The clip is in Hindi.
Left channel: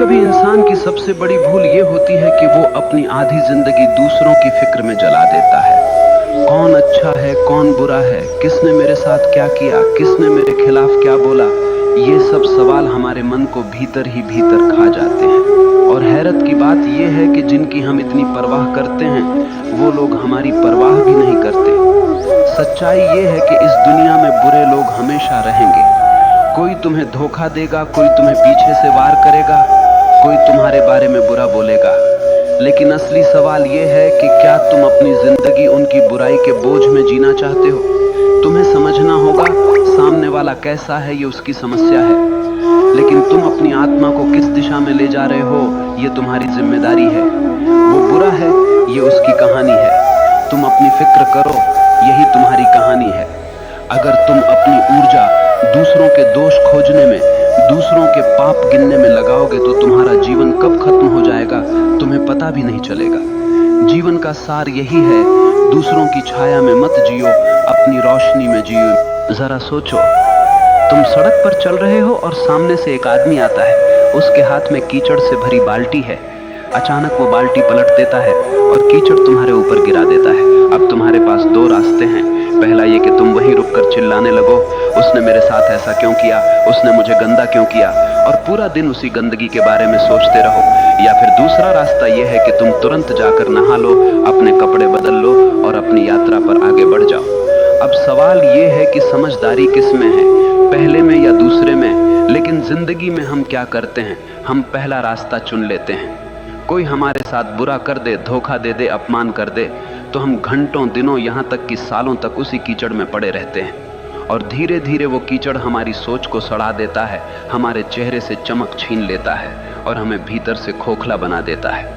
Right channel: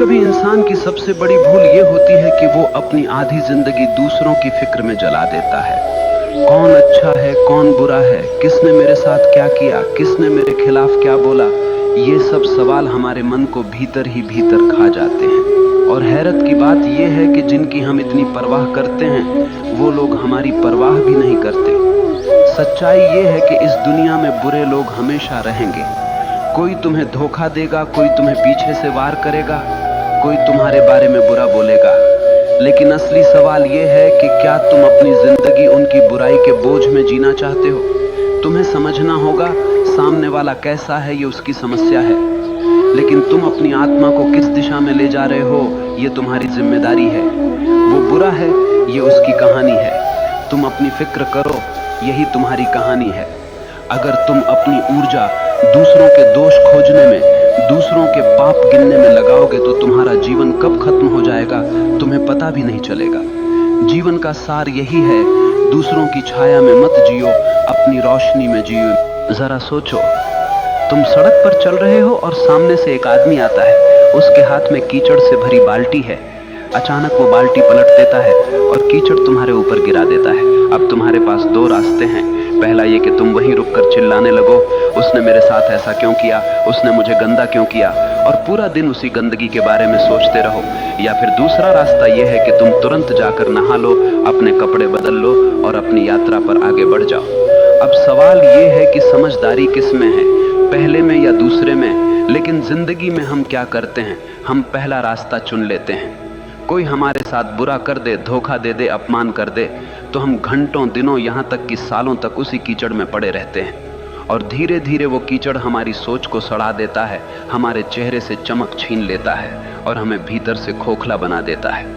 कभी इंसान की सबसे बड़ी भूल ये होती है कि वो अपनी आधी जिंदगी दूसरों की फिक्र में जला देता है। कौन अच्छा है, कौन बुरा है, किसने मेरे साथ क्या किया, किसने मेरे खिलाफ क्या बोला, ये सब सवाल हमारे मन को भीतर ही भीतर खा जाते हैं। और हैरत की बात यह है कि जिनकी हम इतनी परवाह करते हैं वो लोग हमारी परवाह भी नहीं करते। सच्चाई ये है कि इस दुनिया में बुरे लोग हमेशा रहेंगे। कोई तुम्हें धोखा देगा, कोई तुम्हें पीछे से वार करेगा, कोई तुम्हारे बारे में बुरा बोलेगा। लेकिन असली सवाल यह है कि क्या तुम अपनी जिंदगी उनकी बुराई के बोझ में जीना चाहते हो? तुम्हें समझना होगा सामने वाला कैसा है, ये उसकी समस्या है, लेकिन तुम अपनी आत्मा को किस दिशा में ले जा रहे हो ये तुम्हारी जिम्मेदारी है। वो बुरा है, ये उसकी कहानी है। तुम अपनी फिक्र करो, यही तुम्हारी कहानी है। अगर तुम अपनी ऊर्जा दूसरों के दोष खोजने में, दूसरों के पाप गिनने में लगाओगे तो तुम्हारा जीवन कब खत्म हो जाएगा तुम्हें पता भी नहीं चलेगा। जीवन का सार यही है, दूसरों की छाया में मत जियो, अपनी रोशनी में जियो। जरा सोचो, तुम सड़क पर चल रहे हो और सामने से एक आदमी आता है, उसके हाथ में कीचड़ से भरी बाल्टी है। अचानक वो बाल्टी पलट देता है और कीचड़ तुम्हारे ऊपर गिरा देता है। अब तुम्हारे पास दो रास्ते हैं। पहला ये कि तुम वहीं रुककर चिल्लाने लगो, उसने मेरे साथ ऐसा क्यों किया, उसने मुझे गंदा क्यों किया, और पूरा दिन उसी गंदगी के बारे में सोचते रहो। या फिर दूसरा रास्ता यह है कि तुम तुरंत जाकर नहा लो, अपने कपड़े बदल लो और अपनी यात्रा पर आगे बढ़ जाओ। अब सवाल ये है कि समझदारी किस में है, पहले में या दूसरे में? लेकिन जिंदगी में हम क्या करते हैं, हम पहला रास्ता चुन लेते हैं। कोई हमारे साथ बुरा कर दे, धोखा दे दे, अपमान कर दे, तो हम घंटों, दिनों, यहां तक कि सालों तक उसी कीचड़ में पड़े रहते हैं। और धीरे धीरे वो कीचड़ हमारी सोच को सड़ा देता है, हमारे चेहरे से चमक छीन लेता है और हमें भीतर से खोखला बना देता है।